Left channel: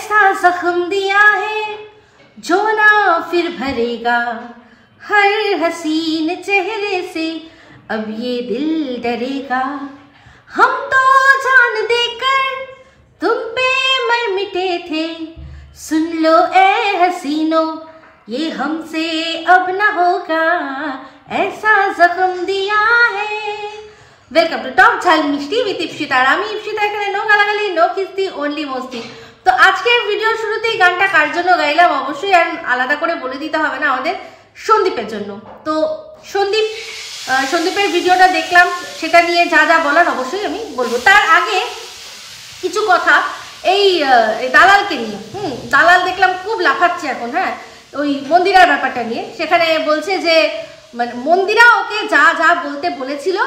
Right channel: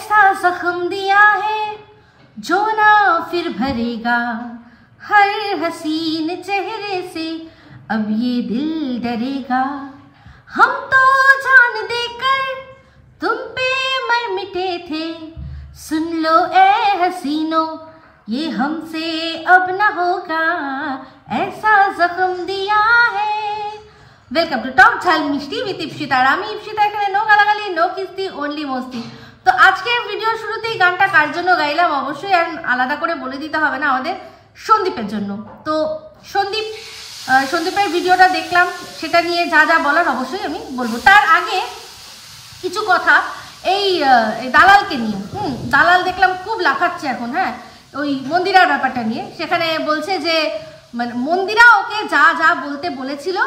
ऐसा जख्म दिया है जो ना फिर भरेगा, हर हसीन चेहरे से अब ये दिल डरेगा। हम तो जान देकर तुम पे मर मिटे थे, सुन लो ए हसीनो ये हमसे अब न होगा, ऐसा जख्म दिया है। वेलकम टू टॉक झाल मिष्टी विथ इप्सिता। আমি ইপসিতা, এখানে নো গালাগালি, নো কিস্তি, অনলি মস্তি। তো আজকে ভিডিওর শুরুতেই গানটা কার জন্য গাইলাম অবশ্যই আর আলাদা করে বলে দিতে হবে না, আমাদের সন্দীপের জন্য। তো সন্দীপের ভিডিওটা দেখলাম, সেটা নিয়ে যা যা বলার অবশ্যই আমি বলবো। তার আগে কিছু কথা এই দালালকে নিয়ে। দালাল দেখলাম খুব লাফাচ্ছে এখন, হ্যাঁ, ওই মন্দিরার ব্যাপারটা নিয়ে। সেখানে বলছে যে মানে মন্দিরা ওকে যা যা বলতে বলেছিল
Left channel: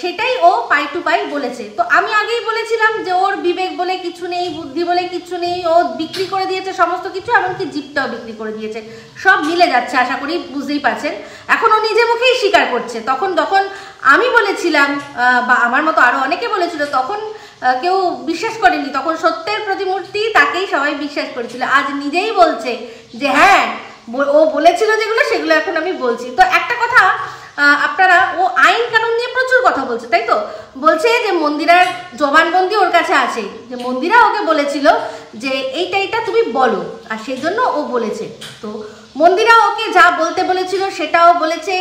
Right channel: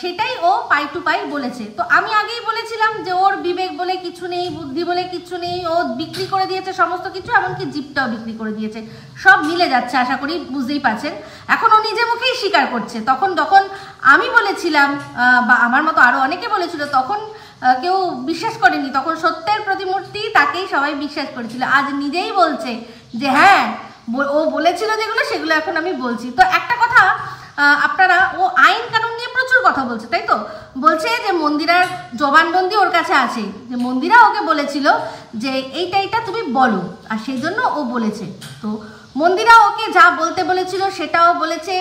সেটাই ও পাই টু পাই বলেছে। তো আমি আগেই বলেছিলাম যে ওর বিবেক বলে কিছু নেই, বুদ্ধি বলে কিছু নেই, ও বিক্রি করে দিয়েছে সমস্ত কিছু, এমনকি জিপটাও বিক্রি করে দিয়েছে। সব মিলে যাচ্ছে, আশা করি বুঝতেই পারছেন। এখন ও নিজে মুখেই স্বীকার করছে। তখন আমি বলেছিলাম বা আমার মতো আরো অনেকে বলেছিল, তখন কেউ বিশ্বাস করেনি। তখন সত্যের প্রতিমূর্তি, তাকেই সবাই বিশ্বাস করেছিল। আজ নিজেই বলছে যে হ্যাঁ ও বলেছিল যেগুলো, সেগুলো এখন আমি বলছি। তো একটা কথা আপনারা, ও আইন কানুন নিয়ে প্রচুর কথা বলছে, তাই তো? বলছে যে মন্দিরার জবানবন্দি ওর কাছে আছে, যে মন্দিরা ওকে বলেছিল যে এইটা তুমি বলো, আর সেই জন্য ও বলেছে। তো মন্দিরা ওকে যা বলতে বলেছিল সেটাও বলেছে,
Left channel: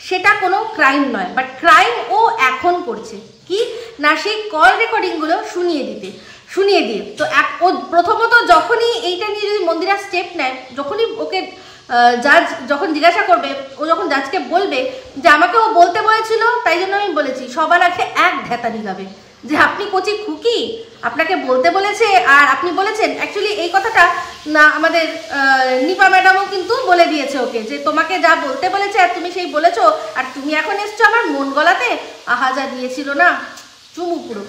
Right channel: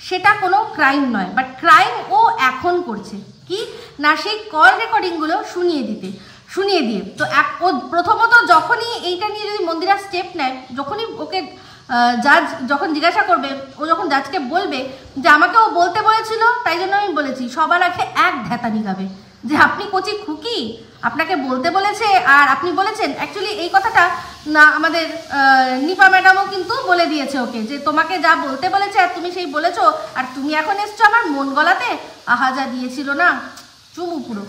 সেটা কোনো ক্রাইম নয়। বাট ক্রাইম ও এখন করছে কি না, সেই কল রেকর্ডিংগুলো শুনিয়ে দিয়ে। তো ও প্রথমত যখনই এইটা নিয়ে যদি মন্দিরা স্টেপ নেয়, যখনই ওকে জাজ যখন জিজ্ঞাসা করবে, ও যখন জাজকে বলবে যে আমাকে ও বলতে বলেছিল, তাই জন্য আমি বলেছি, সবার আগে এক ঢেতানি গাবে যে আপনি কচি খুকি, আপনাকে বলতে বলেছে আর আপনি বলেছেন। অ্যাকচুয়ালি এই কথাটা না আমাদের নিপা ম্যাডামও কিন্তু বলে দিয়েছে ওকে, যে তোমাকে যা বলতে বলেছে আর তুমি সেই বলেছো, আর তুমি এখন এসছো আমার মন গলাতে, আহা যা দিয়েছিল না চুমু পুরো।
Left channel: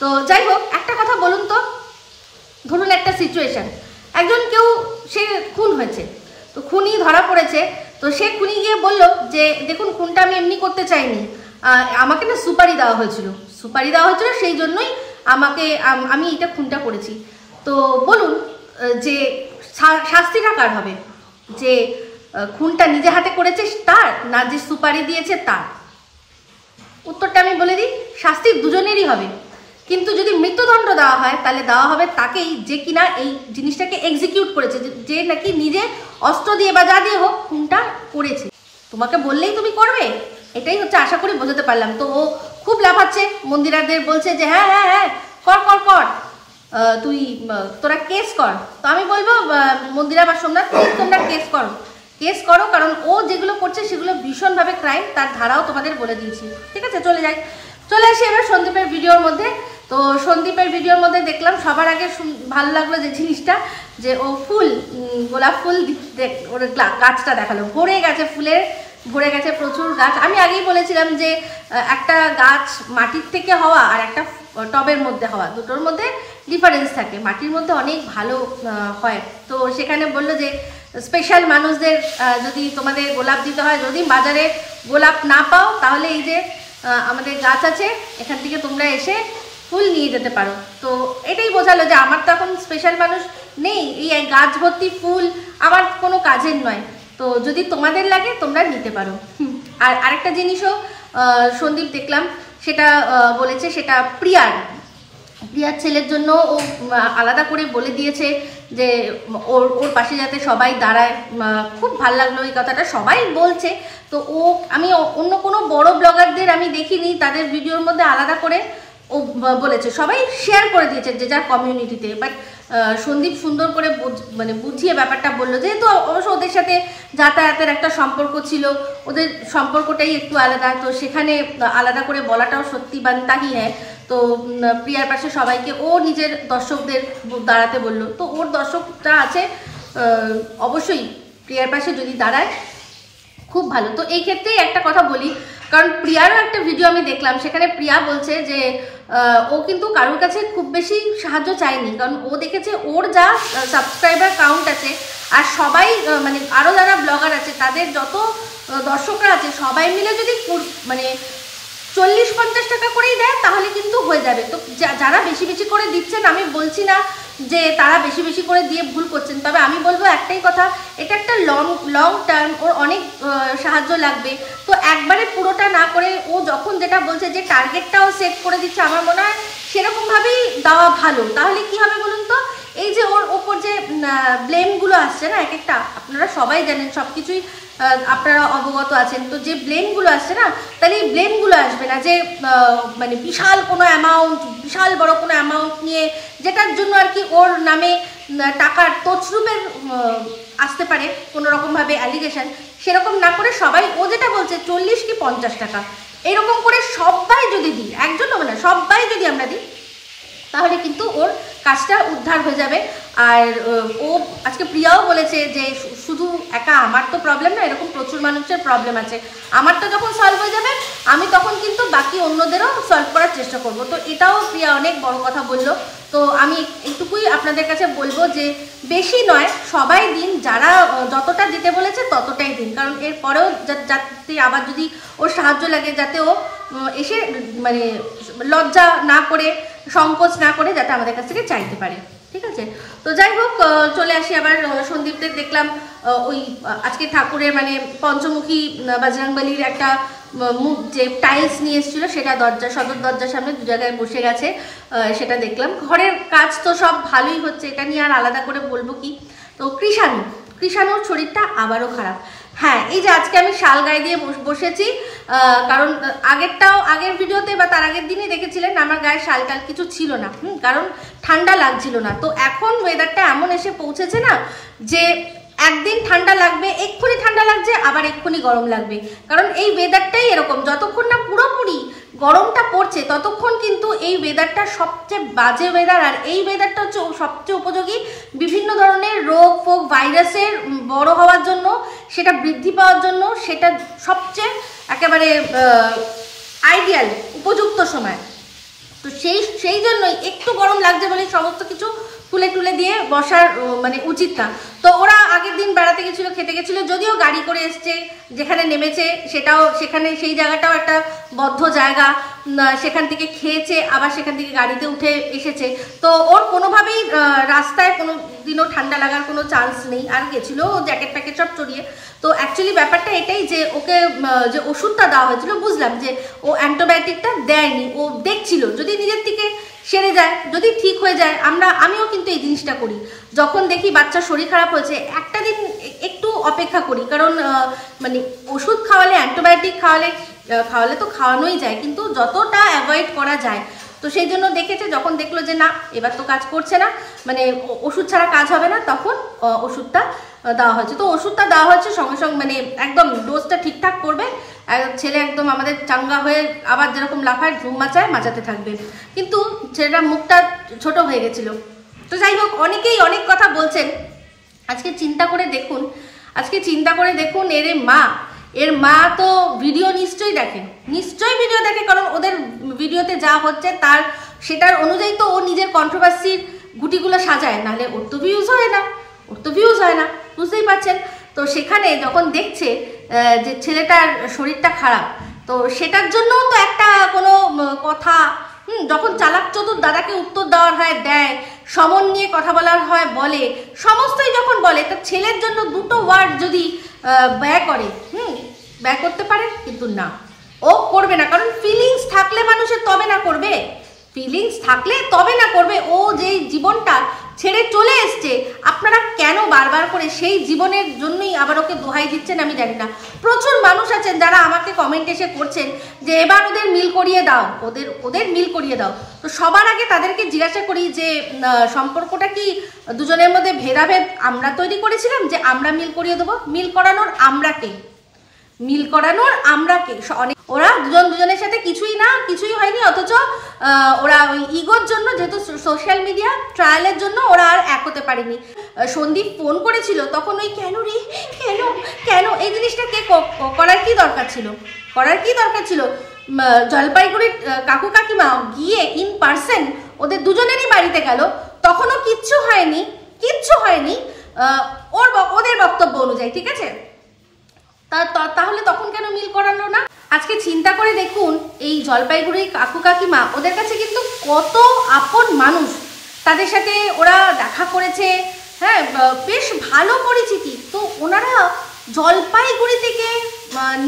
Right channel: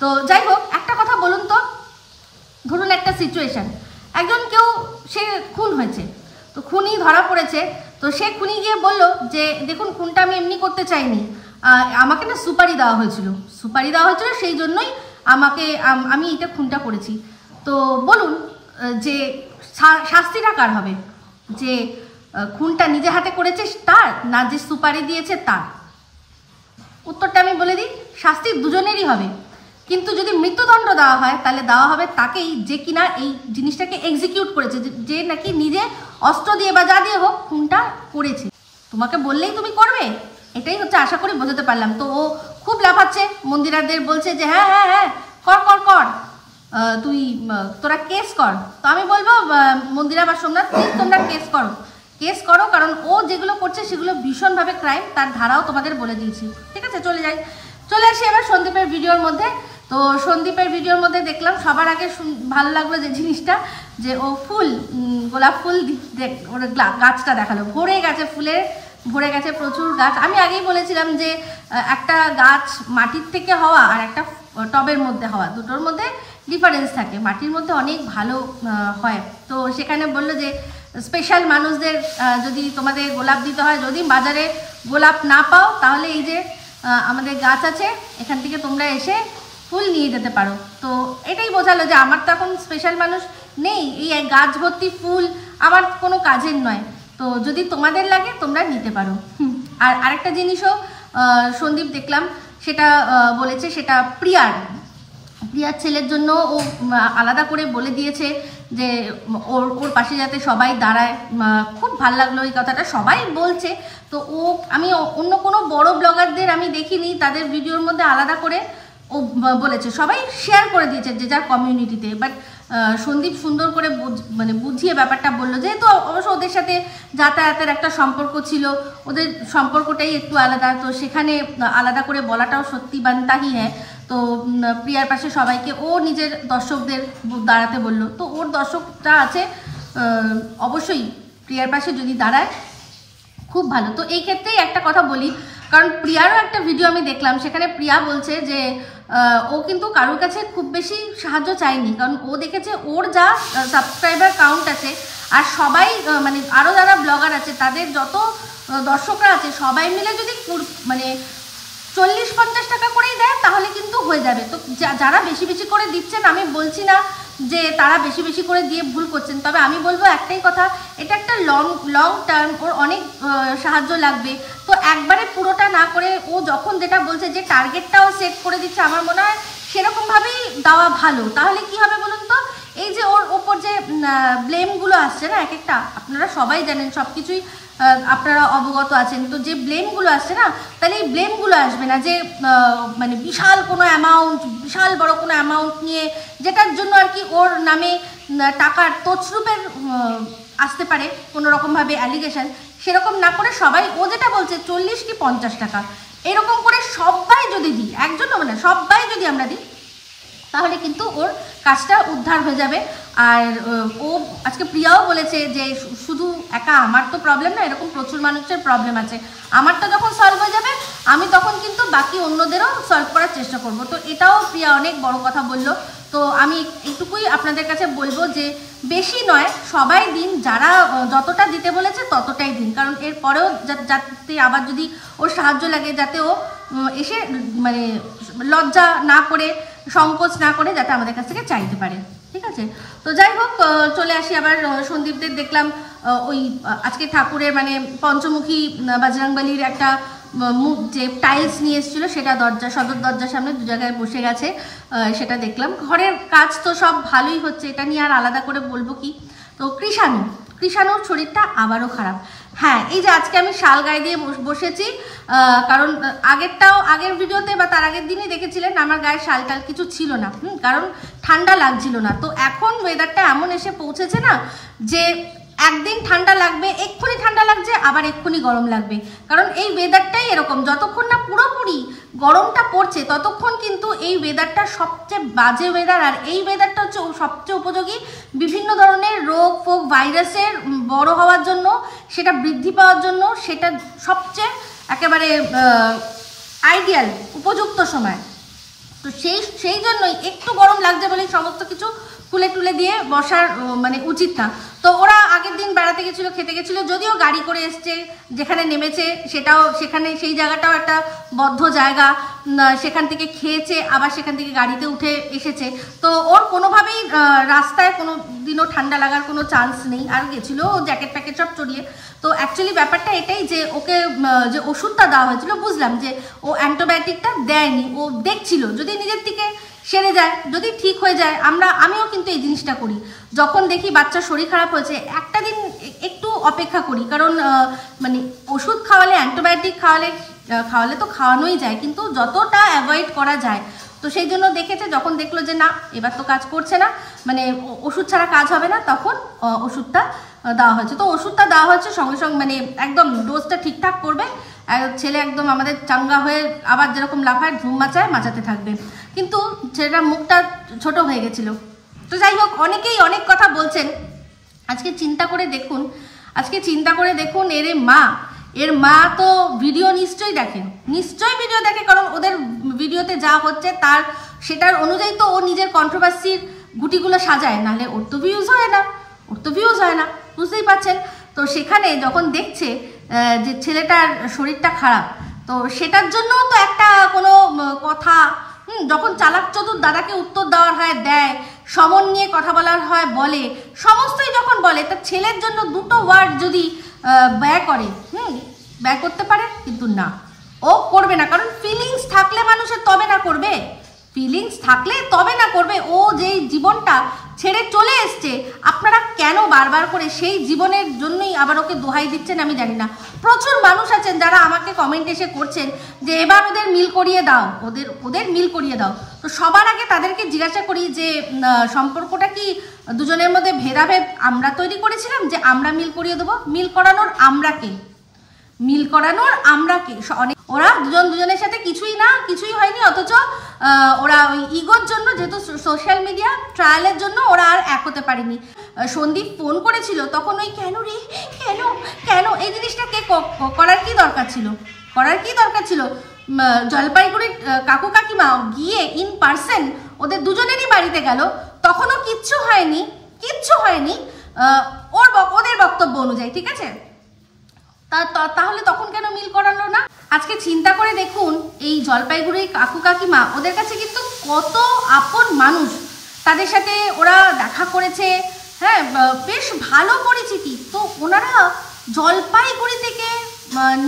তো যাই হোক, একটা কথা বলুন তো, ধরুন একটা সিচুয়েশন, একজন কেউ সে খুন হয়েছে, তো খুনি ধরা পড়েছে। তো সে খুনি গিয়ে বলল যে দেখুন খুনটা আমি এমনি করতে চাইনি, আমাকে না সুপারি দেওয়া হয়েছিল, সেই জন্যই আমি এটা খুনটা করেছি। তো বলুন যে শাস্তিটা কার হবে? যে খুনটা নিজে হাতে করেছে তার, না যে সুপারি দিয়েছে তার? উত্তরটা আমি বলে দিই, শাস্তি দুজনেরই হবে। কিন্তু যদি মৃত্যুদণ্ড দেওয়া হয়, তাহলে দেওয়া হবে তাকেই যে কিনা এই জিনিসটাকে এক্সিকিউট করেছে, যে নাকি নিজে অস্ত্র দিয়ে বা যা দিয়ে হোক খুনটা করেছে। তোমাকে বললেই তুমি করবে, এটাই হচ্ছে, আশা করি বোঝাতে পারলাম। তো ও খুব লাফাচ্ছে, মন্দিরাদের বলছে যে হ্যাঁ হ্যাঁ হ্যাঁ কর তুই তোরা কেস কর। তো আমি বলবো মন্দিরা বা সোমনাথ, তোমরা কেস করো, কারণ ও যেগুলো করছে সেগুলো ভীষণভাবে ক্রাইম, তার ধারাও তোমাদের বলে দিয়েছি। ঠিক আছে, চলে আসি এবার সন্দীপের ভিডিওর মধ্যে। তো সন্দীপের ভিডিওর মধ্যে দেখলাম সবার আগে ভালো লাগলো যে জিনিসটা, যে ও গোলাপ ফুল ওর গাছটা দেখালো, ভরে গেছে প্রচুর গাছ। আমি আগেই বলেছিলাম যে একটা গাছ মাটির থেকে হওয়া আর একটা টবের মধ্যে হওয়া, দুটোর মধ্যে ডিফারেন্স থাকে। মাটির মধ্যে অনেক ভালো হয়। তো সেখানে বললো যে স্পেশাল মানুষদের যদি তোমাদের গোলাপ দিতে হয়, যদি বাজারে গোলাপ না পাও, তাহলে এই যে আমাদের গাছ আছে, এখান থেকে তোমরা এসে ফুল নিয়ে যেতে পারো। তো এটাই বোঝালো যে আমার তো এখন স্পেশাল মানুষ নেই, এই গাছ ভর্তি ফুল আমার কোনো কাজের নয়। তো যদি তোমাদের লাগে তোমরা নিতে পারো। আর আরেকটা জিনিসও সন্দীপ দেখলাম, সেটা বলেছে, সেটা প্রিয়ার ছেলের জন্য ও আলাদা করে বলে দিয়েছে যে ওর পাশে যাতে সবাই দাঁড়ায়। খুব ভাল লাগলো এই কথাটা, সবাই বলছে। তো আমি অন্য কোনো বড় ব্লগারদের আমি দেখিনি তাদের ভিডিওর মধ্যে আলাদা করে ও বলেছে, সবাই শেয়ার করে দিয়েছে যে যার কমিউনিটিতে। বাট সন্দীপ সুন্দর করে মানে বুঝিয়ে ব্যাপারটা বললো, যেহেতু অবশ্য ওদের সাথে যাতায়াতের একটা সম্পর্ক ছিল, ওদের সম্পর্কটাই একটু আলাদা, তো সেখানে আলাদা করে বলাটাও সত্যি বানতাহি হ্যাঁ। তো প্রিয়ার পাশে সবাইকে ও নিজের দর্শকদের দাঁড়াতে বলল। তো ওর দর্শকরা আছে, অবশ্যই প্রিয়ার পাশে যদি দাঁড়ায় খুব ভালো। তো এই ক্ষেত্রেই একটা কথা বলি, কারণ প্রিয়ারও একটা ভিডিও আমি দেখলাম, সেখানে প্রিয়া বলছে যে ও কিন্তু কারোর কাছে খুব বেশি সাহায্য চায়নি, কারণ ও দেখেছে ওর যা সাবস্ক্রাইবার কাউন্ট আছে আর সবাই মানে আরও যারা ব্লগার আছে তাদের যত দর্শকরা আছে সবাই মিলে যদি মানে 40-50 টাকা করেই দেয় তাহলে কিন্তু হয়ে যাবে। তো যারা বেশি বেশি করে দিচ্ছেন, আমি বলছি না যে তারা বেশি বেশি করে দিয়ে ভুল করছেন, তবে আমি বলবো একটাই কথা, এটা একটা লং টার্ম, ওর অনেক সাহায্য লাগবে। তো একবারে পুরোটা না করে ও যখন যেটা বলছে যে টার্গেটটাও সেট করে দিচ্ছে, আমার মনে হয় সেরকমভাবেই দেওয়া ভালো। তাহলে কি হবে বলুন তো, এই যে ওর ওপর যে ব্লেমগুলো আসছে না এক একটা, আপনারা সবাই জানেন, সব কিছুই আপনারা অবগত আছেন, তো যে ব্লেমগুলো আসছে না, তাহলে এই ব্লেমগুলো আসবে না যে মানে বিশাল কোনো অ্যামাউন্ট, বিশাল বড় কোনো অ্যামাউন্ট নিয়ে, যেটার জন্য আর কি ওর নামে টাকার তছরূপের আসতে পারে কোনো রকমভাবে অ্যালিগেশন, সেরকম না করে সবাই ও যেটা বলছে 40 কি 50 টাকা এরকম করে সবাই যদি দিই, একজন হবে না, সবাই যদি আমরা দিই, তাহলে কিন্তু ওর কাজটা উদ্ধার হয়ে যাবে। আর ও আজকে প্রিয়াও বলেছে যে শুধু একা আমার তো প্রবলেম না, এরকম প্রচুর মানুষের প্রবলেম আছে, আমারটা যখন সলভ হয়ে যাবে আমি তখন কিন্তু বাকি অন্যদেরও সলভ করার চেষ্টা করব। তো এটাও প্রিয়া অনেক বড় কথা বললো। তো আমি এইটুকুই আপনাদের কাছে বলবো যে বেশি নয়, সবাই দিন, যারা যতটা দিতে বলেছে ততটাই দিন, কারণ এরপরেও যাতে আবার যদি ওর সাহায্য লাগে, যাতে ও এসে মানে লজ্জা না করে, সংকোচ না করে যাতে আমাদের কাছ থেকে চাইতে পারে, ঠিক আছে। তো যাই হোক, চলে আসি আবার সন্দীপদের দেখলাম ওই আজকে ঠাকুরের মানে পঞ্চমুখী বজরংবলীর একটা যে টাইলস নিয়ে এসেছিল, সেটা সদর দরজার সামনে দু জায়গায় বসে গেছে, সেটা দেখলাম। ঘরের কাজ তো সব ভালোই হচ্ছে, এটা নিয়ে আর আলাদা করে বলবো কি। তো কৃষাণুর শরীরটা আবারও খারাপ। হ্যাঁ, এই যে আজকে আমি শাল গায়ে দিয়ে বসেছি, কারণ আগের ভিডিওতে বা তার আগের দিনই দেখেছিলেন আমার গায়ে শাল টাল কিছু ছিল না, কারণ ঠান্ডা লাগছিল না। তো এখন ওয়েদারটা এমন এসে পৌঁছেছে না যে একদিন ঠান্ডা লাগবে, এক্ষুনি ঠান্ডা লাগছে, আবার এক্ষুনি গরম লাগবে, কারণ এই ওয়েদারটাই এরকম। যতক্ষণ না পুরোপুরি গরমটা পড়ছে ততক্ষণ কিন্তু এই ওয়েদারটা সবচেয়ে বাজে ওয়েদার। আর এই ওয়েদারটা হচ্ছে সবচেয়ে উপযোগী বিভিন্ন ধরনের রোগ ফোগ ভাইরাসের বড় হওয়ার জন্য, সেটা বৃদ্ধি পাওয়ার জন্য, সেটা সবচেয়ে একেবারে আইডিয়াল উপযুক্ত সময়। তো সেই জন্যই একটু গরম লাগছে বলে সমস্ত কিছু খুলে টুলে দিয়ে বসার মানে উচিত না। তো ওরা আগের দিন বেড়াতে গেছিলো, খেতে গেছিলো, যদিও গাড়ি করে এসছে, যেখানে নেমেছে সেখানে সেই জায়গাটাও একটা বদ্ধ জায়গা, সেখান থেকে খেয়েছে, আবার সেখান থেকে গাড়িতে উঠে এসেছে। তো ওর কোনোভাবেই রাস্তায় কোনো দিনও ঠান্ডা লাগার কোনো চান্স নেই। আর গেছিলো জ্যাকেট প্যাকেট সব চড়িয়ে। তো অ্যাকচুয়ালি ব্যাপারটা এটাই যে ওকে যে ওষুধটা দেওয়া হয়েছিল, বুঝলাম যে ও অ্যান্টিবায়োটিকটা দেয়নি, ও দেখছিল যদি নিজের থেকে সেরে যায়, যদি ঠিক হয়ে যায়। আমিও কিন্তু এই জিনিসটা করি, যখন দেখি বাচ্চার শরীর খারাপ হয়েছে একটা দিন একটু অপেক্ষা করি, কারণ মানে ওষুধ খাওয়ালে, অ্যান্টিবায়োটিক খাওয়ালে তো খাওয়ানোই যায়, কিন্তু যতটা অ্যাভয়েড করা যায়। তো সেই জন্য দেখেছে, যখন দেখলো যে না এবার তো কাজ করছে না, মানে ওষুধ ছাড়া কাজ হবে না, তখন ওষুধটা দেওয়া হয়েছে। তো ওষুধটা দেওয়া হয়েছে সঙ্গে সঙ্গে, মানে একদম ডোজটা ঠিকঠাক করবে, ছেলে একদম আমাদের চাঙ্গা হয়ে আবার যেরকম লাফায় ঝুম মাচাতে থাকবে। কিন্তু ছেলেটার মুখটা ছোট হয়ে গেছিল। তো যাই হোক, অনেকেই অনেক কথা বলছেন। আজকে চিন্তা করে দেখুন এর মা তো ভিডিও নিশ্চয়ই ভিডিও দেখে, কারণ ওদের ভিডিওতে যা হচ্ছে সেটার অনুযায়ী তো ও নিজের কন্ট্রোভার্সির গুটিগুলো সাজায়, নাহলে ওর তো ভিউজ হয় না, বুঝতেই পারছেন। তো সেখানে যখন দেখছে যে ছেলেটার শরীরটা খারাপ, তো সেটার জন্য তো একটা কোনো কথা, যখন চালাক চতুর দাদাকে উত্তর দেওয়ার হয় দেয়, সমন নিয়ে কথা বলার হয় বলে, সমস্তই যখন বলে, তার ছেলের জন্য দুটো ওয়ার্ড যদি ব্যয় করতে পারে, কিন্তু না, ও করবে না। কারণ ফিলিংস থাকলে মানুষের তবে না করবে। ও যেই জীবনটা ছেড়ে চলে এসছে, আপনারা কেন বারবার করে সেই জীবনের জন্যই আবার ওকে দোহাই দিচ্ছেন আমি জানি না। প্রচুর মানুষ আছেন যারা আমাকে কমেন্ট এসে করছেন যে এবার ওদের মিল করিয়ে দাও, ওদের মিল করিয়ে দাও। তো সবার আগে তাদেরকে জিজ্ঞাসা করি যে সম্পর্কটা কি দুজনের মধ্যে ভেদাভেদ আমরা তৈরি করেছিলাম যে আমরা মিল করিয়ে দেবো? মিল করানোর আমরা কে? ওরা দুজনের সাথে কিছুই হয়নি, অথচ ওরা ওই ইগোর জন্য, যেহেতু সোশ্যাল মিডিয়া ট্রায়ালের জন্য ওরা আর এক হতে পারেনি। সন্দীপ ফোন করেছিল তখন ওই কেন এই জিনিসটা কে করার কি দরকার ছিল? জলপাইগুড়ির কাকু কাকিমা গিয়ে ইন পার্সন ওদের দুজনেরই বাড়িতে গেল, তখনও কিচ্ছু হয়নি। ওদের বক্তব্য অনুযায়ী, ঠিক আছে। তাহলে তখন কেন মিল করালো না? আজকে চিন্তা করে দেখুন, এই জলপাইগুড়ির কাকু কাকিমা ওদের কাছে কিন্তু কত আপন মানুষ, তাদের সাথে ওরা দেখা করেছে, হ্যাঁ বেশ ভালো পরিচিতি। তো ওনারা জলপাইগুড়ি থেকে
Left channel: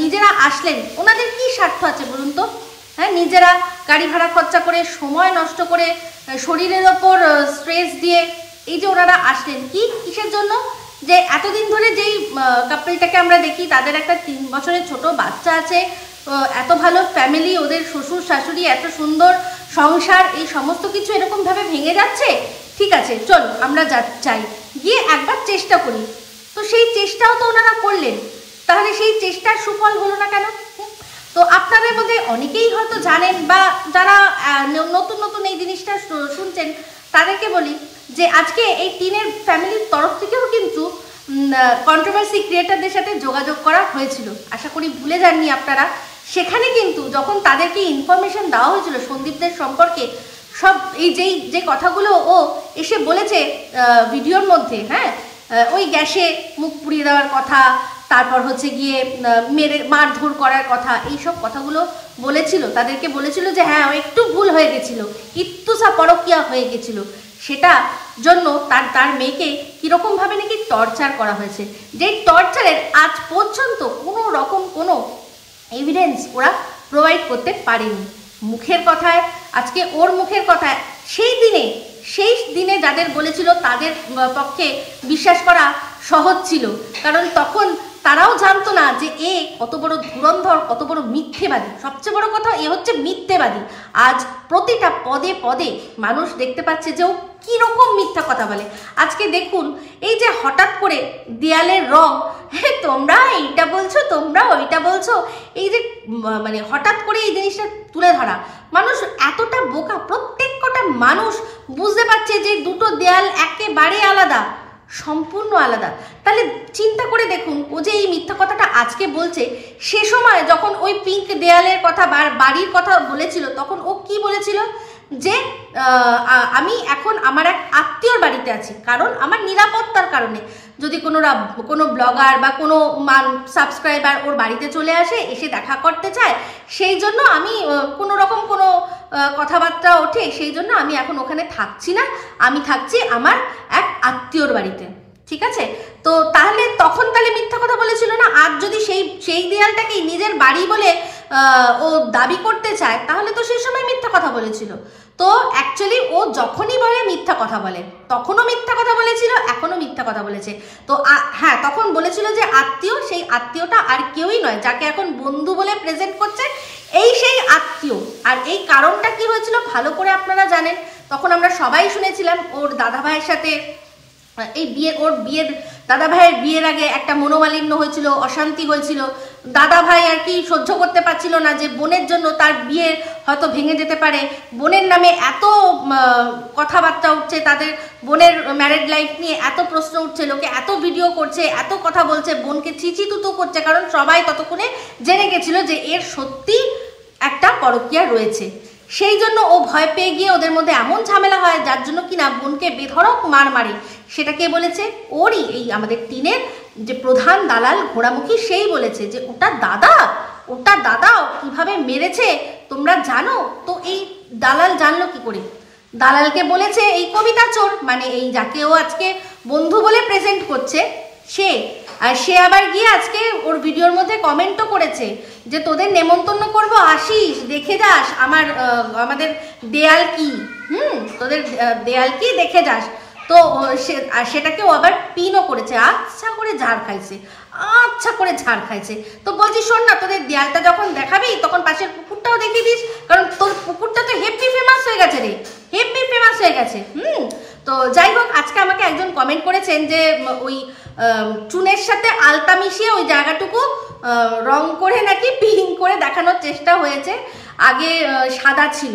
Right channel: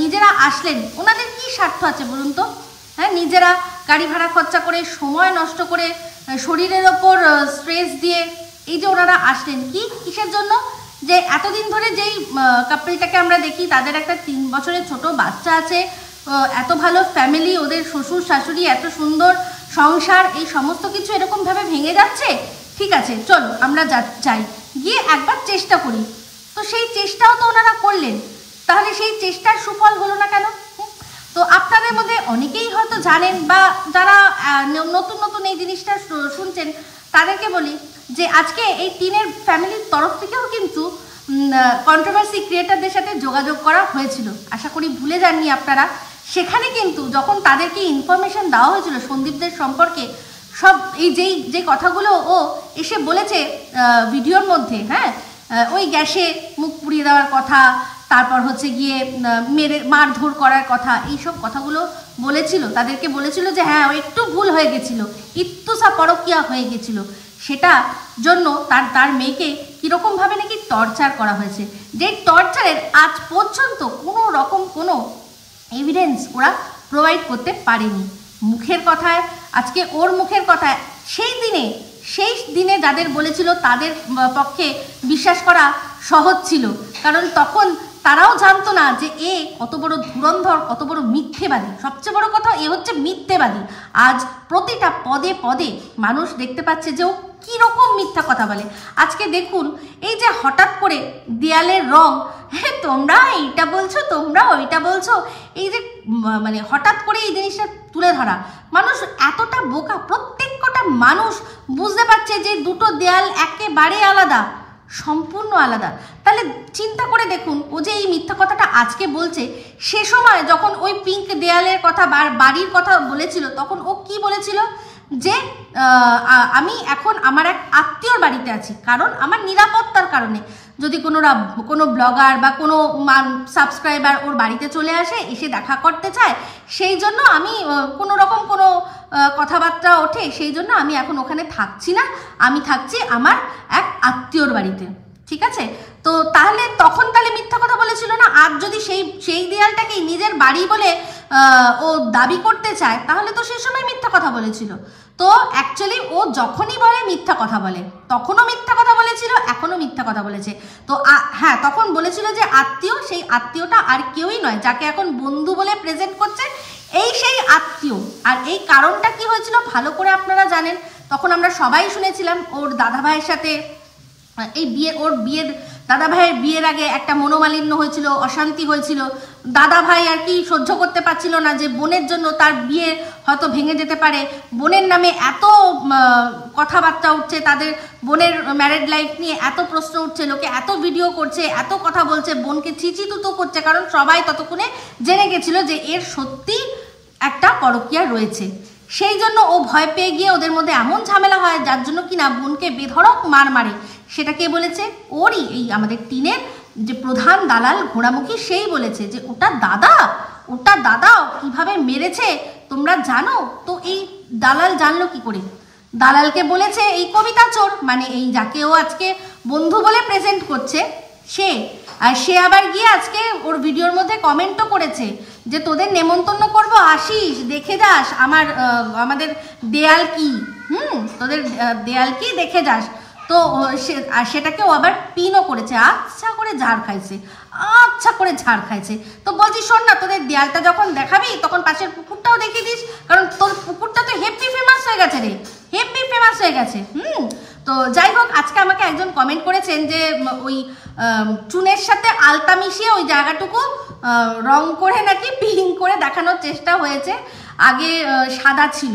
নিজেরা আসলেন, ওনাদের কি স্বার্থ আছে বলুন তো? হ্যাঁ, নিজেরা গাড়ি ভাড়া খরচা করে, সময় নষ্ট করে, শরীরের ওপর স্ট্রেস দিয়ে এই যে ওনারা আসলেন, কিসের জন্য? যে এতদিন ধরে যেই কাপলটাকে আমরা দেখি, তাদের একটা 3 বছরের ছোট বাচ্চা আছে, এত ভালো ফ্যামিলি, ওদের শ্বশুর শাশুড়ি, এত সুন্দর সংসার, এই সমস্ত কিছু এরকমভাবে ভেঙে যাচ্ছে। ঠিক আছে, চলো আমরা যাই, গিয়ে একবার চেষ্টা করি। তো সেই চেষ্টাও তো ওনারা করলেন, তাহলে সেই চেষ্টার সুফল হলো না কেন? তো আপনাদের মধ্যে অনেকেই হয়তো জানেন, বা যারা নতুন নতুন এই জিনিসটা শুনছেন তাদেরকে বলি যে আজকে এই টিনের ফ্যামিলির তরফ থেকেও কিন্তু কন্ট্রোভার্সি ক্রিয়েটারদের সাথে যোগাযোগ করা হয়েছিল। আশা করি ভুলে যাননি আপনারা। সেখানে কিন্তু যখন তাদেরকে ইনফরমেশন দেওয়া হয়েছিল সন্দীপদের সম্পর্কে, সব এই যে কথাগুলো ও এসে বলেছে ভিডিওর মধ্যে, হ্যাঁ ওই গ্যাসে মুখ পুড়িয়ে দেওয়ার কথা, তারপর হচ্ছে গিয়ে মারধর করার কথা, এইসব কথাগুলো বলেছিল, তাদেরকে বলেছিল যে হ্যাঁ ও একটু ভুল হয়ে গেছিলো, একটু পরকিয়া হয়ে গেছিলো, সেটা জন্য তার মেয়েকে কীরকমভাবে নাকি টর্চার করা হয়েছে। যেই টর্চারের আজ পর্যন্ত কোনো রকম কোনো এভিডেন্স ওরা প্রোভাইড করতে পারেনি। মুখের কথায়, আজকে ওর মুখের কথায়, সেই দিনে যাদের বলেছিল তাদের পক্ষে বিশ্বাস করা সহজ ছিল, কারণ তখন তারাও জানতো না যে এ কত বড় ধুরন্ধর, কত বড় মিথ্যেবাদী। সবচেয়ে বড় কথা, এ হচ্ছে মিথ্যেবাদী। আজ প্রতিটা পদে পদে মানুষ দেখতে পাচ্ছে যে ও কীরকম মিথ্যা কথা বলে। আজকে দেখুন, এই যে হঠাৎ করে দেয়ালের রং, হ্যাঁ তোমরা এইটা বলছো, তোমরা ওইটা বলছো, এই যে মানে হঠাৎ করে এই জিনিসটা তুলে ধরা, মানুষ এতটা বোকা, প্রত্যেকটা মানুষ বুঝতে পারছে যে দুটো দেয়াল একেবারে আলাদা, সম্পূর্ণ আলাদা। তাহলে চিন্তা করে দেখুন, ও যে এই মিথ্যা কথাটা আজকে বলছে, সে সময় যখন ওই পিঙ্ক দেয়ালের কথা, বাড়ির কথা বলেছিল, তখন ও কি বলেছিল? যে আমি এখন আমার এক আত্মীয়র বাড়িতে আছি, কারণ আমার নিরাপত্তার কারণে যদি কোনো ব্লগার বা কোনো সাবস্ক্রাইবার ওর বাড়িতে চলে আসে, এসে দেখা করতে চায়, সেই জন্য আমি কোনো রকম কোনো কথাবার্তা ওঠে, সেই জন্য আমি এখন ওখানে থাকছি না, আমি থাকছি আমার এক আত্মীয়র বাড়িতে। ঠিক আছে, তো তাহলে তখন তাহলে মিথ্যা কথা বলেছিল না? আর যদি সেই দেয়ালটাকেই নিজের বাড়ি বলে ও দাবি করতে চায়, তাহলে তো সেই সময় মিথ্যা কথা বলেছিল। তো অ্যাকচুয়ালি ও যখনই বলে মিথ্যা কথা বলে, তখনও মিথ্যা কথা বলেছিল, এখনও মিথ্যা কথা বলেছে। তো হ্যাঁ, তখন বলেছিল যে আত্মীয়, সেই আত্মীয়টা আর কেউই নয়, যাকে এখন বন্ধু বলে প্রেজেন্ট করছে, সেই আত্মীয়। আর এই কারণটা কি হয়েছিল ভালো করে আপনারা জানেন। তখন আমরা সবাই শুনেছিলাম ওর দাদা ভাইয়ের সাথে দাদা ভাইয়ের বিয়ের আগে একটা মনোমালিন্য হয়েছিল, অশান্তি হয়েছিল। দাদা ভাই আর কি সহ্য করতে পারছিল না যে বোনের জন্য তার বিয়ে হয়তো ভেঙে যেতে পারে, বোনের নামে এত কথাবার্তা উঠছে, তাদের বোনের ম্যারেড লাইফ নিয়ে এত প্রশ্ন উঠছে, লোকে এত ভিডিও করছে, এত কথা বলছে, বোনকে ছিচি তুতু করছে, কারণ সবাই ততক্ষণে জেনে গেছিল যে এর সত্যি একটা পরকীয়া রয়েছে। সেই জন্য ও ভয় পেয়ে গিয়ে ওদের মধ্যে এমন ঝামেলা হয়, যার জন্য কিনা বোনকে বেধড়ক মারে। সেটা কে বলেছে? ওরই এই আমাদের টিনের যে প্রধান দালাল ঘোড়ামুখী, সেই বলেছে যে ওটা দাদা কিভাবে মেরেছে তোমরা জানো। তো এই দালাল জানলো কি করে? দালালকে বলেছে এই কবিতা চোর, মানে এই যাকে ও আজকে বন্ধু বলে প্রেজেন্ট করছে, সে আবার গিয়ে আজকে ওর ভিডিওর মধ্যে কমেন্টও করেছে যে তোদের নেমন্তন্ন করবো, আসিস, দেখে যাস আমাদের দেয়াল কি, তোদের দেয়াল কি দেখে যাস। তো সেটাকে ও আবার পিনও করেছে, আচ্ছা করে ঝাড় খাইছে। তো বলছি শোন না, তোদের দেয়ালটা যখন দেখাবি তখন পাশের পুকুরটাও দেখিয়ে দিস, কারণ তোর পুকুরটা তো হেভি ফেমাস হয়ে গেছে রে, হেভি ফেমাস হয়ে গেছে। তো যাই হোক, আজকে আমাকে একজন কমেন্ট করেছেন যে ওই চুনের সাথে আলতা মিশিয়ে ওই জায়গাটুকু রং করে নাকি পিঙ্ক করে দেখানোর চেষ্টা হয়েছে, আগে সাদা ছিল।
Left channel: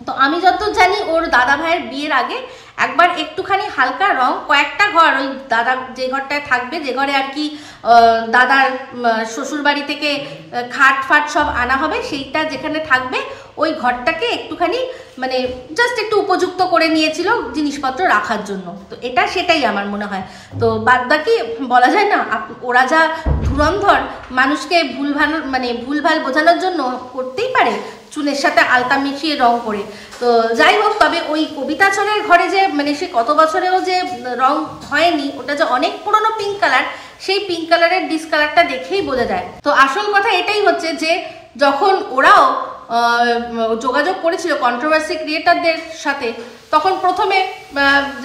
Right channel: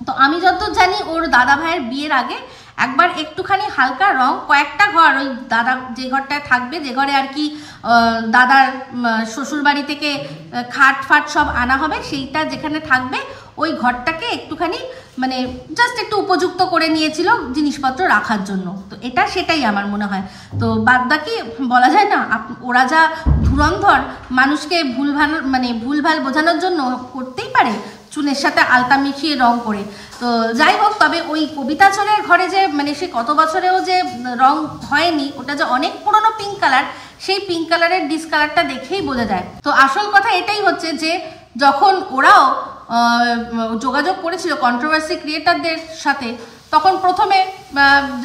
তো আমি যতদূর জানি ওর দাদা ভাইয়ের বিয়ের আগে একবার একটুখানি হালকা রং, কয়েকটা ঘর, ওই দাদা যে ঘরটায় থাকবে, যে ঘরে আর কি দাদার শ্বশুর বাড়ি থেকে খাট ফাট সব আনা হবে, সেইটা যেখানে থাকবে ওই ঘরটাকে একটুখানি মানে জাস্ট একটু উপযুক্ত করে নিয়েছিল জিনিসপত্র রাখার জন্য। তো সেটাই আমার মনে হয়। তো বাদ বাকি বলা যায় না, ওরা যা ধুরন্ধর, মানুষকে ভুলভাল বোঝানোর জন্য করতেই পারে চুনের সাথে আলতা মিশিয়ে রং করে। তো যাই হোক, তবে ওই কবিতাচরের ঘরে যে মানে সে কত বছরেও যে রং হয়নি, ওটা যে অনেক পুরনো পিঙ্ক কালার, সেই পিঙ্ক কালারের ডিসকালারটা দেখেই বোঝা যায়। তো আসল কথা এটাই হচ্ছে যে যখন ওরাও যোগাযোগ করেছিল কন্ট্রোভার্সি ক্রিয়েটারদের সাথে, তখন প্রথমে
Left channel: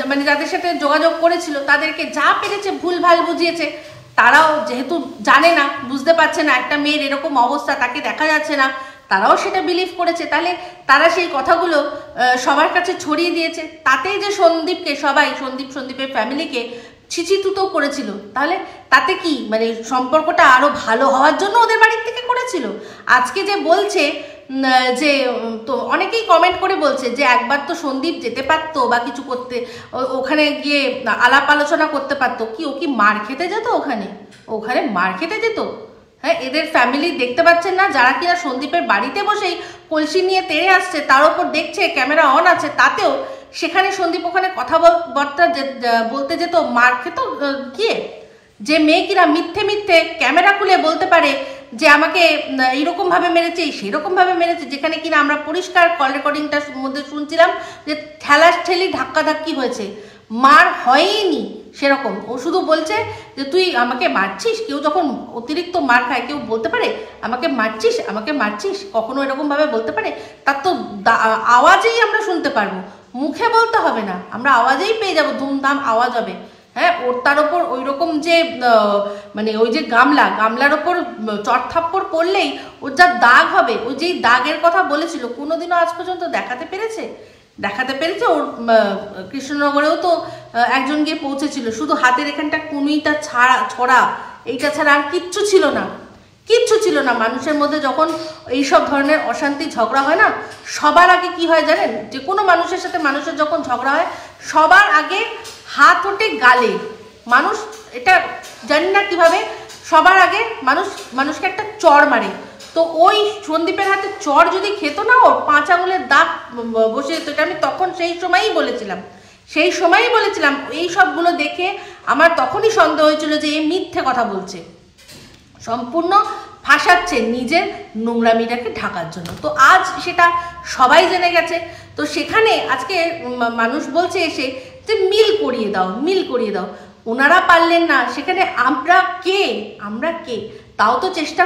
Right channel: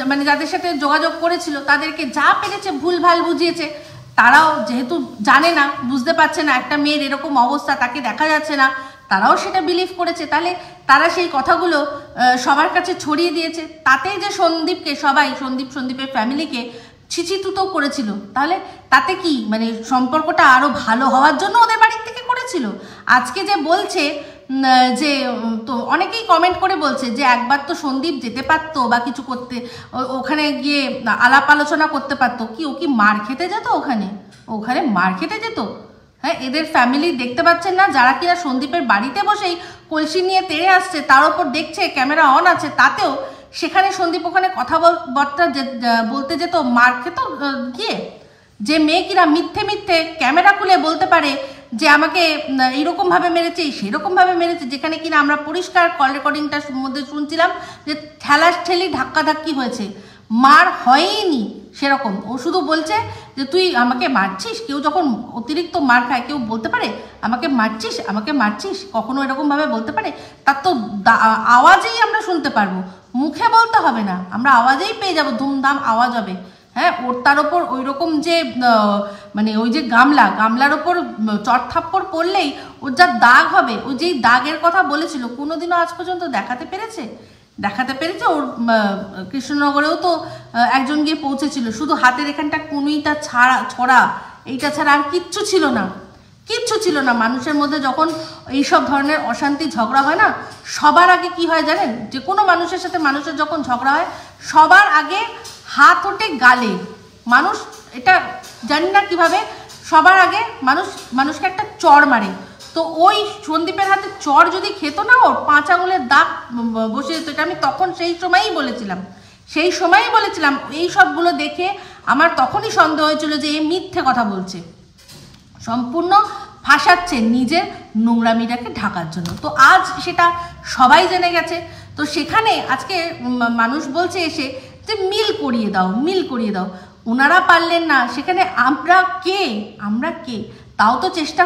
মানে যাদের সাথে যোগাযোগ করেছিল তাদেরকে যা পেরেছে ভুলভাল বুঝিয়েছে। তারাও যেহেতু জানে না, বুঝতে পারছে না একটা মেয়ের এরকম অবস্থা, তাকে দেখা যাচ্ছে না, তারাও সেটা বিলিভ করেছে। তাহলে তারা সেই কথাগুলো সবার কাছে ছড়িয়ে দিয়েছে। তাতেই যে সন্দীপকে সবাই সন্দীপের ফ্যামিলিকে ছিচিতুতো করেছিল, তাহলে তাতে কি মানে সম্পর্কটা আরো ভালো হওয়ার জন্য ওদের বাড়ির থেকে করেছিল। আজকে যে বলছে যে, তো অনেকেই কমেন্ট করে বলছে যে একবার তো সন্দীপ যেতে পারতো বা কিছু করতে, ওখানে গিয়ে আলাপ আলোচনা করতে পারতো। কি ও কি মার খেতে যেত? ওখানে মার খেতে যেত? হ্যাঁ, এদের ফ্যামিলি দেখতে পাচ্ছেন না, যারা কিনা সন্দীপের বাড়িতে বসেই কলসি নিয়ে তেড়ে আসছে, তার উপর দেখছে ক্যামেরা অন আছে, তাতেও সেখানে সন্দীপ ওখানে কথাবার্তা বলতে যেত, মার খেত গিয়ে। যে মেয়ে কিনা মিথ্যে ক্যামেরা খুলে বলতে পারে যে আমাকে এইরকম ভাবে মেরেছে, সেরকম ভাবে মেরেছে, যেখানে কিনা আমরা পরিষ্কার কল রেকর্ডিংটার মধ্যে শুনছিলাম যে ঠেলাঠেলি ধাক্কাধাক্কি হয়েছে, মার হয়নি সেরকম। ও শুধু বলছে যে তুই আমাকে মারছিস। কেউ যখন অতিরিক্ত মার খায়, কেউ বলতে পারে আমাকে মারছিস, কখনো এরকম ভাবে বলতে পারে? তার তো আওয়াজেই আমরা শুনতে পারবো, মুখে বলতে হবে না, আমরা আওয়াজেই পেয়ে যাবো, ধুমধাম আওয়াজ হবে। হ্যাঁ, ওর তার ওপর ওই রকম যে মানে ওই যে গামলার ওপর চড়থাপ্পড় পড়লেই ওর যা দাগ হবে, ওই যেই দাগের কথা বলেছিল, কোনোদিনও আজ পর্যন্ত দেখাতে পেরেছে? ওর কৃষ্ণনগরেও তো একজন গিয়ে পৌঁছেছিল, শুধু হাতের এখানটা কুনুইটা ছড়া, এইটা ছাড়া আর কিচ্ছু ছিল না। মানুষের মধ্যে যখন এইসব ধরনের অশান্তি ঝগড়া হয় না, সবার আগে কি হয় জানেন? যে কোনো মানুষের সাথে মানুষের যখন ঝগড়া হয়, সবার আগে হাত ওঠে গালে। মানুষ এটা জানি না কিভাবে, সবার আগে মানুষকে একটা চড় মারে। তো ওই সন্দীপের হাতে চড় যদি খেত না, ওর 5 আঙুলের দাগ বসে যেত। এটা আমি তখন সেই সময়ই বলেছিলাম। এই সবগুলো দেখে আমার তখনই সন্দেহ হয়েছিল যে এই মিথ্যে কথা বলছে, সম্পূর্ণ ফাঁসাচ্ছে নিজের নোংরামিটাকে ঢাকার জন্য। তো আজ সেটা সবাই জেনে গেছে। তো সেখানে আজকে মানুষ বলছে এসে যে মিল করিয়ে দাও। ওনারা পারলেন না, সেখানে আমরা কে? তাও তো চেষ্টা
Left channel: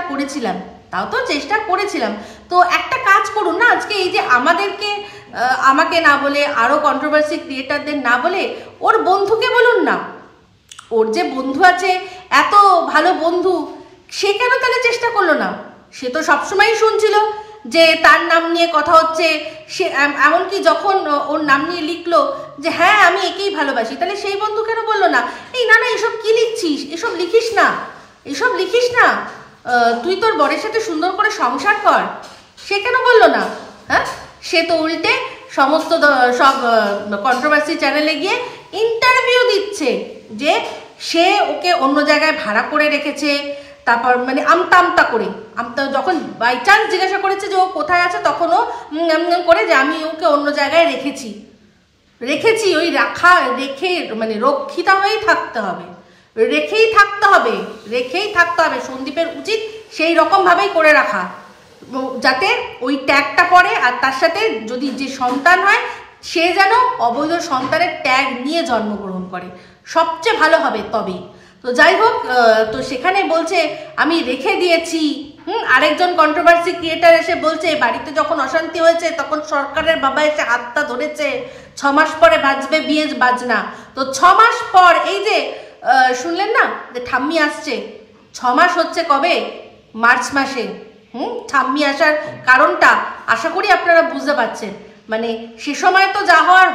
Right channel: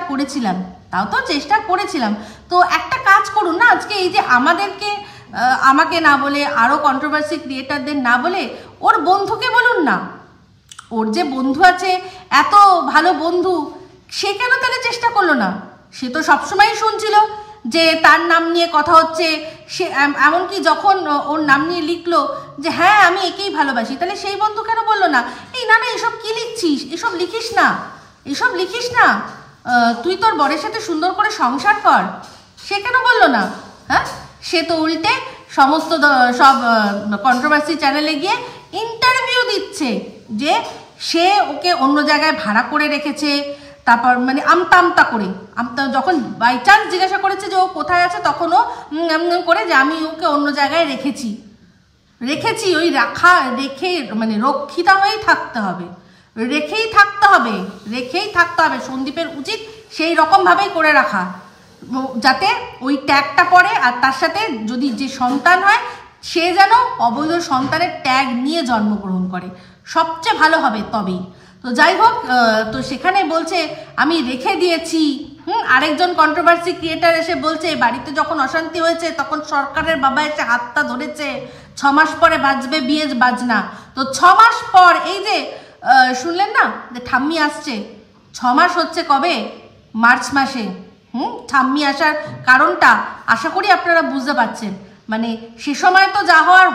করেছিলাম। তো একটা কাজ করুন না, আজকে এই যে আমাকে না বলে, আরো কন্ট্রোভার্সি ক্রিয়েটারদের না বলে, ওর বন্ধুকে বলুন না। ওর যে বন্ধু আছে, এত ভালো বন্ধু, সে কেন তাহলে চেষ্টা করলো না? সে তো সবসময়ই শুনছিল যে তার নাম নিয়ে কথা হচ্ছে। সে এমনকি যখন ওর নাম নিয়ে লিখলো যে হ্যাঁ আমি একেই ভালোবাসি, তাহলে সেই বন্ধু কেন বললো না না এসব কি লিখছিস, এসব লিখিস না, তুই তোর বরের সাথে সুন্দর করে সংসার কর? সে কেন বললো না? হ্যাঁ, সে তো উল্টে সমস্ত সব কন্ট্রোভার্সি চ্যানেলে গিয়ে ইন্টারভিউ দিচ্ছে যে সে ওকে অন্য জায়গায় ভাড়া করে রেখেছে। তারপর মানে আমতা করে যখন বাই চান্স জিজ্ঞাসা করেছে যে ও কোথায় আছে, তখন ও করে যে আমি ওকে অন্য জায়গায় রেখেছি। ওই রেখে মানে রক্ষিতা হয়েই থাকতে হবে, রেখেই থাকতে হবে। সন্দীপের উচিত সেই রকম ভাবেই করে রাখা, যাতে ওই ট্যাগটা পড়ে। আর তার সাথে যদি যে সন্তান হয়, সে যেন অবৈধ সন্তানের ট্যাগ নিয়ে জন্মগ্রহণ করে, সবচেয়ে ভালো হবে তবেই। তো যাই হোক, তো সেখানে বলছে আমি রেখে দিয়েছি। আরেকজন কন্ট্রোভার্সি ক্রিয়েটার এসে বলছে বাড়িতে যখন অশান্তি হয়েছে তখন সরকারের বাবা এসে হাতটা ধরেছে, 6 মাস পরে বাজবে বিয়ে বাজনা। তো 6 মাস পর এই যে শুনলেন না যে ঠাম্মি আসছে, 6 মাস হচ্ছে কবে? মার্চ মাসে। ঠাম্মি আসার কারণটা আশা করি আপনারা বুঝতে পারছেন। মানে সে সময় তো যা হওয়ার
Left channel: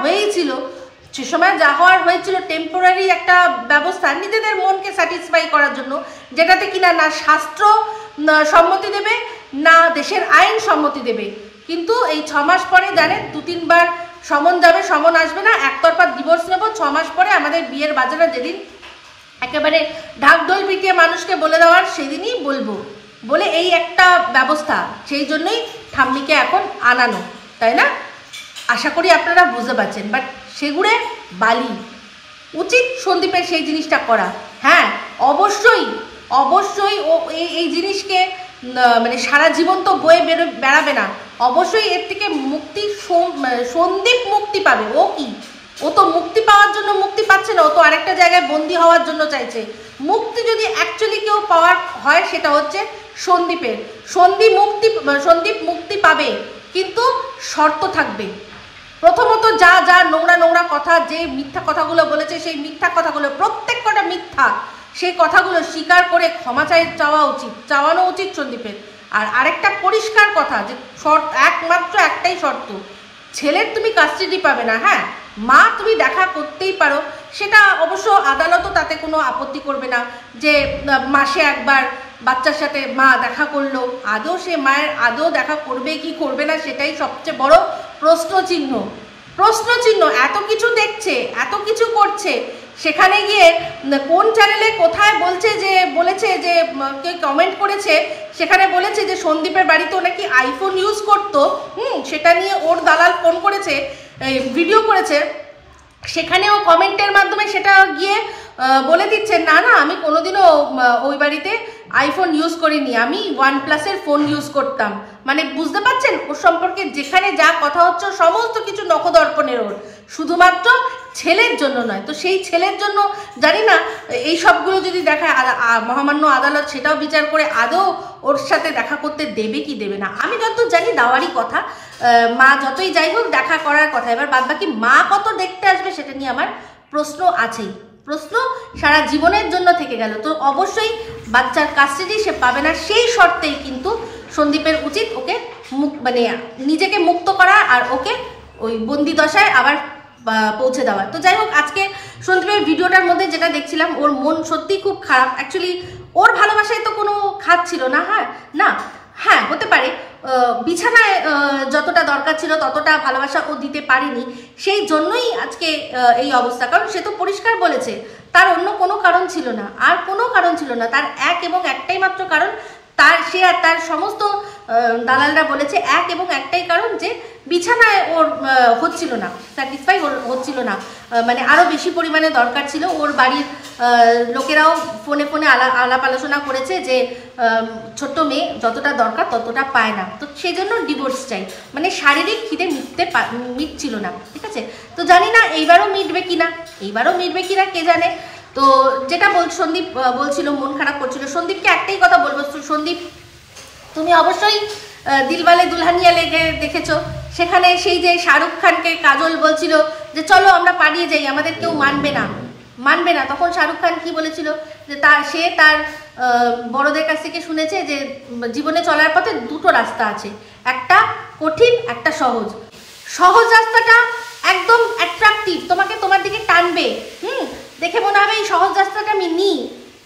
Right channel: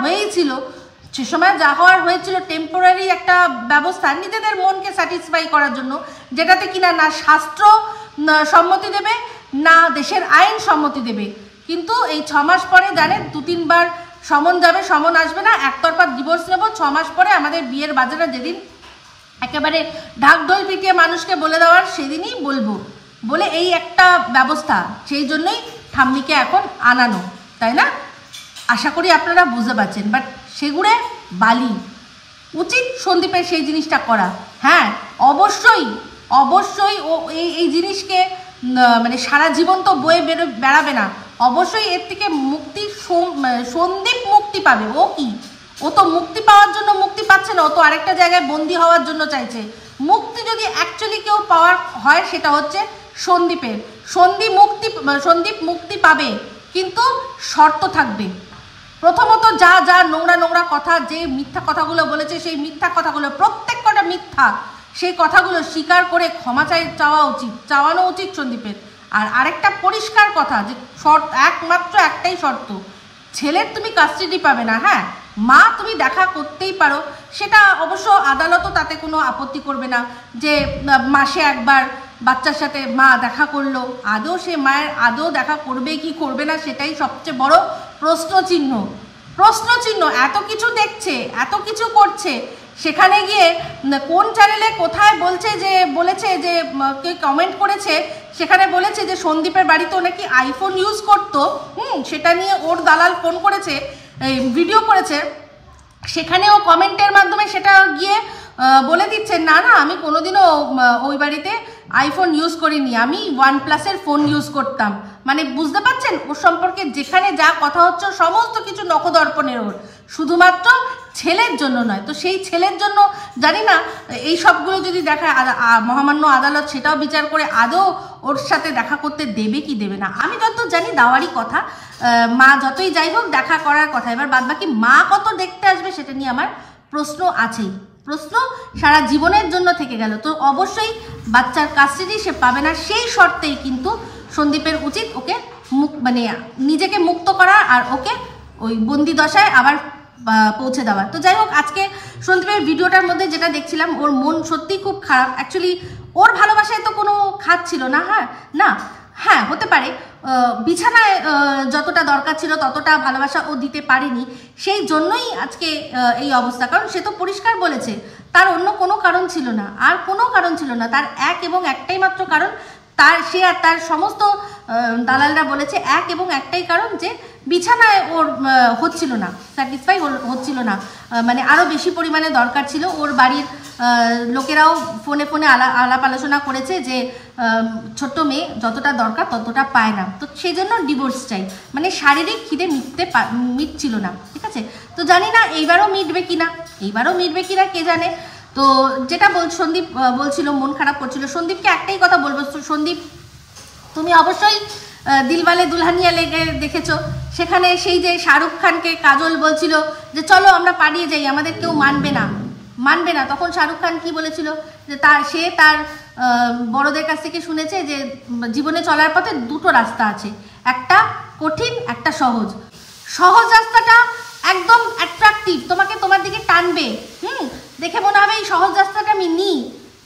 হয়েছিল টেম্পোরারি একটা ব্যবস্থা, নিজেদের মনকে স্যাটিসফাই করার জন্য, যেটাতে কিনা না শাস্ত্র সম্মতি দেবে না দেশের আইন সম্মতি দেবে। কিন্তু এই 6 মাস পরে জানেন 2-3 বার সমন যাবে, সমন আসবে না, একতরফা ডিভোর্স নেব। 6 মাস পরে আমাদের বিয়ের বাজারে যেদিন একেবারে ঢাকঢোল পিটিয়ে মানুষকে বলে দেওয়ার, সেদিনই বলবো বলে এই একটা ব্যবস্থা। সেই জন্যই ঠাম্মিকে এখন আনানো, তাই না? আশা করি আপনারা বুঝতে পারছেন। বাট সেগুড়ে বালি, উচিত সন্দীপের সেই জিনিসটা করা। হ্যাঁ, অবশ্যই ও এই জিনিসকে মানে সারা জীবন তো বয়ে বেড়াবে না, অবশ্যই এর থেকে মুক্তি সন্দীপ মুক্তি পাবে। ও কি, ও তো মুক্তি পাওয়ার জন্য মুক্তি পাচ্ছে না, ও তো আরেকটা জায়গায় বন্দি হওয়ার জন্য চাইছে। মুক্তি যদি অ্যাকচুয়ালি কেউ পাওয়ার হয় সেটা হচ্ছে সন্দীপের। সন্দীপ মুক্তি পাবে, কিন্তু শর্ত থাকবে। প্রথমত যা যা নোংরা নোংরা কথা, যে মিথ্যা কথাগুলো বলেছে, সেই মিথ্যা কথাগুলো প্রত্যেক কটা মিথ্যা, সেই কথাগুলো স্বীকার করে ক্ষমা চাওয়ানো উচিত সন্দীপের। আর আরেকটা পরিষ্কার কথা, যে একমাত্র একটাই শর্ত, ছেলের তুমি কাস্টাডি পাবে না। হ্যাঁ, মা তুমি দেখা করতেই পারো, সেটা অবশ্য আদালতও তাতে কোনো আপত্তি করবে না, যে মাসে একবার বাচ্চার সাথে মা দেখা করলো। আদৌ সে মায়ের আদৌ দেখা করবে কি করবে না, সেটাই সবচেয়ে বড় প্রশ্নচিহ্ন। এত কিছু দেখছে, এত কিছু করছে, সেখানে গিয়ে কোন চ্যানেলে কোথায় বলেছে যে কে কমেন্ট করেছে, সেখানে বলেছে যে সন্দীপের বাড়িতেও নাকি আইফোন ইউজ করতো। সেটা নিয়ে ওর দালাল ফোন করেছে, ভিডিও করেছে, সেখানেও কমেন্টের মাধ্যমে সেটা গিয়ে বলে দিচ্ছে, না না আমি কোনোদিনও ওই বাড়িতে আইফোন ইউজ করিনি, আমি OnePlus-এর ফোন ইউজ করতাম। মানে বুঝতে পারছেন ওর সম্পর্কে যেখানে যা কথা হচ্ছে সমস্ত কিছু নখদর্পণের ওর, শুধুমাত্র ছেলের জন্য নয়। তো সেই ছেলের জন্য জানি না এই সবগুলো যদি দেখায় মহামান্য আদালত, সেটাও বিচার করে আদৌ ওর সাথে দেখা করতে দেবে কি দেবে না। আমি যত জানি দাওয়ারি কথা, মা যতই যাই হোক দেখা করার কথা। এবার বাদবাকি মা কত দেখতে আসবে সেটা নিয়ে আমার প্রশ্ন আছেই, প্রশ্ন সারা জীবনের জন্য থেকে গেল। তো অবশ্যই বাচ্চার কাস্টাডি সে পাবে না, সেই শর্তেই কিন্তু সন্দীপের উচিত ওকে মানে নিজেকে মুক্ত করা আর ওকে ওই বন্দি দশায় আবার পৌঁছে দেওয়া। তো যাই হোক, আজকে সন্দীপের ভিডিওটার মধ্যে যেটা দেখছিলাম, ওর মন সত্যিই খুব খারাপ। অ্যাকচুয়ালি ওর ভালোবাসায় তো কোনো খাত ছিল না। হ্যাঁ হতে পারে বিছানায় যতটা দরকার ছিল ততটা ভালোবাসা ও দিতে পারেনি, সেই জন্যই আজকে এই অবস্থা। কারণ সে তো পরিষ্কার বলেছে তার অন্য কোনো কারণ ছিল না, আর কোনো কারণ ছিল না, তার এক এবং একটাই মাত্র কারণ। সে আর তার সমস্ত দালালরা বলেছে এক এবং একটাই কারণ, যে বিছানায় ওর হচ্ছিল না, স্যাটিসফাই হচ্ছিল না, মানে আরও বেশি পরিমাণে দরকার ছিল। ওর বাড়ির লোকেরাও ফোনে আলাপ আলোচনা করেছে যে ছোট্ট মেয়ে যতটা দরকার ততটা পায় না, তো সেই জন্য ডিভোর্স চাই। মানে শারীরিক খিদে মিটছিল না, ঠিক আছে। তো জানি না এইবারও মিটবে কিনা কে জানে। তো যেটা সন্দীপ বলছিল, মন খারাপ করছিল, সন্দীপকে একটাই কথা বলবো, সন্দীপ তুমি অবশ্যই দিলওয়ালে দুলহানিয়া লেগে দেখেছো, সেখানে সেই যে শাহরুখ খানকে কাজল বলছিল যে চলো আমরা পালিয়ে যাই, আমাদের কেউ মানবে না। তখন শাহরুখ খান কি বলেছিল, যে সে তার বড়দের কাছ থেকে শুনেছে যে জীবনে চলার পথে দুটো রাস্তা আছে, একটা কঠিন, একটা সহজ রাস্তাটা একদম অ্যাট্রাকটিভ, তোমাকে তোমার দিকে টানবে, দেখে মনে হবে এই সহজ রাস্তাটা আমি নিই,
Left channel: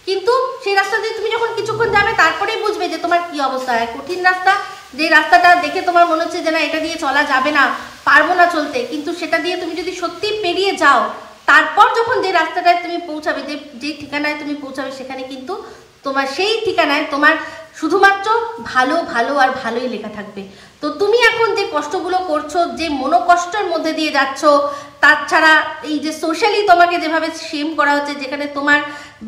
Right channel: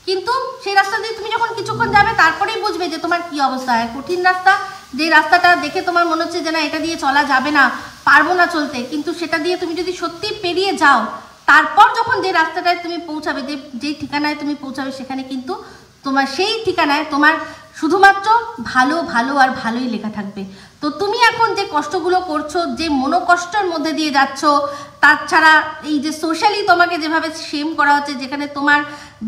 কিন্তু সেই রাস্তা দিয়ে তুমি যখন কিছুক্ষণ যাবে তারপরেই বুঝবে যে তোমার কি অবস্থা। কঠিন রাস্তা, যে রাস্তাটা দেখে তোমার মনে হচ্ছে যে না এটা দিয়ে চলা যাবে না, পারবো না চলতে, কিন্তু সেটা দিয়ে তুমি যদি সত্যি পেরিয়ে যাও, তারপর যখন যে রাস্তাটায় তুমি পৌঁছাবে, যে ঠিকানায় তুমি পৌঁছাবে, সেখানে কিন্তু তোমার সেই ঠিকানায় তোমার শুধুমাত্র ভালো আর ভালোই লেখা থাকবে। তো তুমি এখন যে কষ্টগুলো করছো, যে মনোকষ্টের মধ্যে দিয়ে যাচ্ছ, তাছাড়া এই যে সোশ্যালি তোমাকে যেভাবে শেম করা হচ্ছে, যেখানে তোমার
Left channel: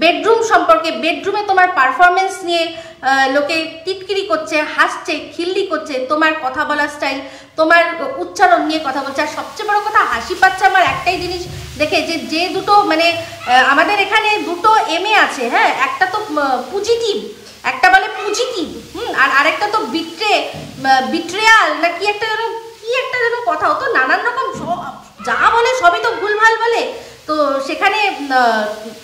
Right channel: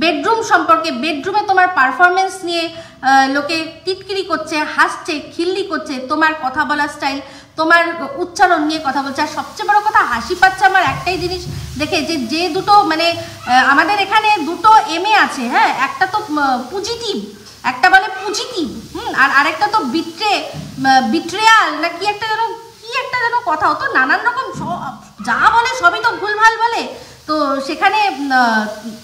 বেডরুম সম্পর্কে, বেডরুমে তোমার পারফরমেন্স নিয়ে লোকে টিটকিরি করছে, হাসছে, খিল্লি করছে, তোমার কথা বলার স্টাইল, তোমার উচ্চারণ নিয়ে কথা বলছে। আর সবচেয়ে বড় কথা, হাসি পাচ্ছে আমার একটাই জিনিস দেখে, যে দুটো মানে আমাদের এখানে দুটো MA আছে, হ্যাঁ, একটা তো পজিটিভ, একটা বলে পজিটিভ, আর আরেকটা তো বিট্রেয়াল না কি একটা যেন কথা হতো, নানান রকম যা বলে সবই তো ভুলভাল বলে। তো সেখানে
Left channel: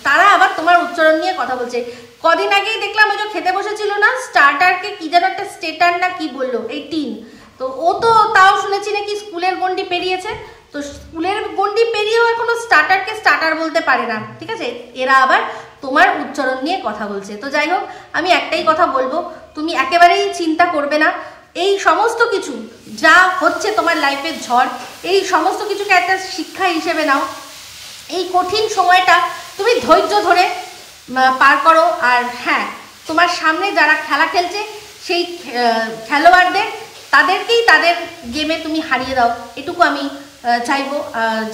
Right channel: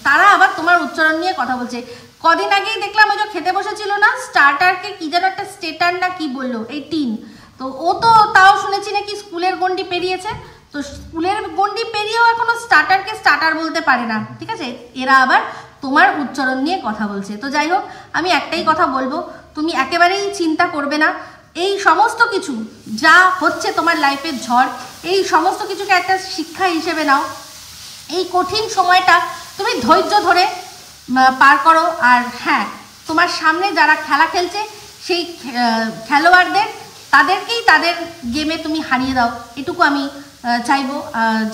তারা আবার তোমার উচ্চারণ নিয়ে কথা বলছে। কদিন আগেই দেখলাম ওই যে খেতে বসেছিল না, স্টার্টারকে কি যেন একটা স্টেটার না কি বললো, এই টিন, তো ও তো তাও শুনেছি নাকি স্কুলের গন্ডি পেরিয়েছে। তো স্কুলের গন্ডি পেরিয়েও এখনো স্টার্টারকে স্টার্টার বলতে পারে না, ঠিক আছে। এরা আবার তোমার উচ্চারণ নিয়ে কথা বলছে। তো যাই হোক, আমি একটাই কথা বলবো, তুমি একেবারেই চিন্তা করবে না। এই সমস্ত কিছু যা হচ্ছে তোমার লাইফের ঝড়, এই সমস্ত কিছুকে একটা শিক্ষা হিসেবে নাও। এই কঠিন সময়টা তুমি ধৈর্য ধরে পার করো। আর হ্যাঁ, তোমার সামনে যারা খেলা খেলছে, সেই খেলোয়াড়দের তাদেরকেই তাদের গেমে তুমি হারিয়ে দাও, এটুকু আমি চাইবো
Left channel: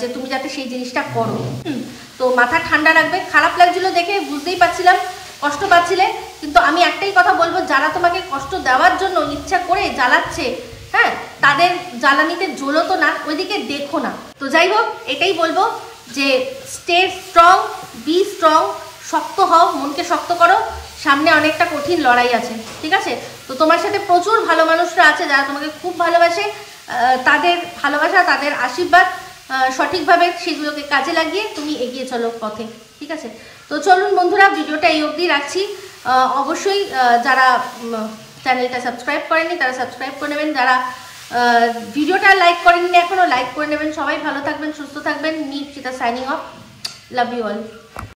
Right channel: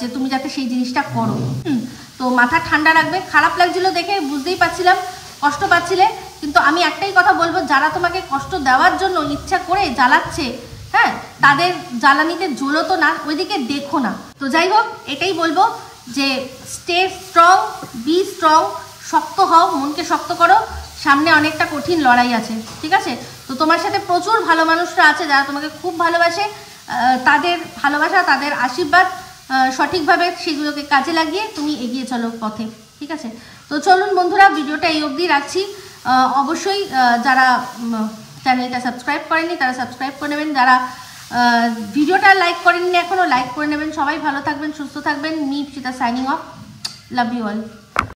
যে তুমি যাতে সেই জিনিসটা করো। তো মাথা ঠান্ডা রাখবে। খারাপ লাগছিল দেখে, বুঝতেই পারছিলাম কষ্ট পাচ্ছিলে, কিন্তু আমি একটাই কথা বলবো, যারা তোমাকে কষ্ট দেওয়ার জন্য ইচ্ছা করে জ্বালাচ্ছে, হ্যাঁ, তাদের জ্বালানিতে জ্বলো তো না, ওইদিকে দেখো না। তো যাই হোক, এটাই বলবো যে স্টে স্ট্রং, বি স্ট্রং, শক্ত হও, মনকে শক্ত করো, সামনে অনেকটা কঠিন লড়াই আছে, ঠিক আছে? তো তোমার সাথে প্রচুর ভালো মানুষরা আছে যারা তোমাকে খুব ভালোবাসে, তাদের ভালোবাসা, তাদের আশীর্বাদ সঠিকভাবে সেগুলোকে কাজে লাগিয়ে তুমি এগিয়ে চলো পথে, ঠিক আছে? তো চলুন বন্ধুরা, ভিডিওটা এই অবধি রাখছি। অবশ্যই যারা চ্যানেলটা সাবস্ক্রাইব করেননি তারা সাবস্ক্রাইব করে নেবেন, যারা ভিডিওটা লাইক করেননি এখনও লাইক করে নেবেন। সবাই ভালো থাকবেন, সুস্থ থাকবেন। মি চিতা signing off, love you all.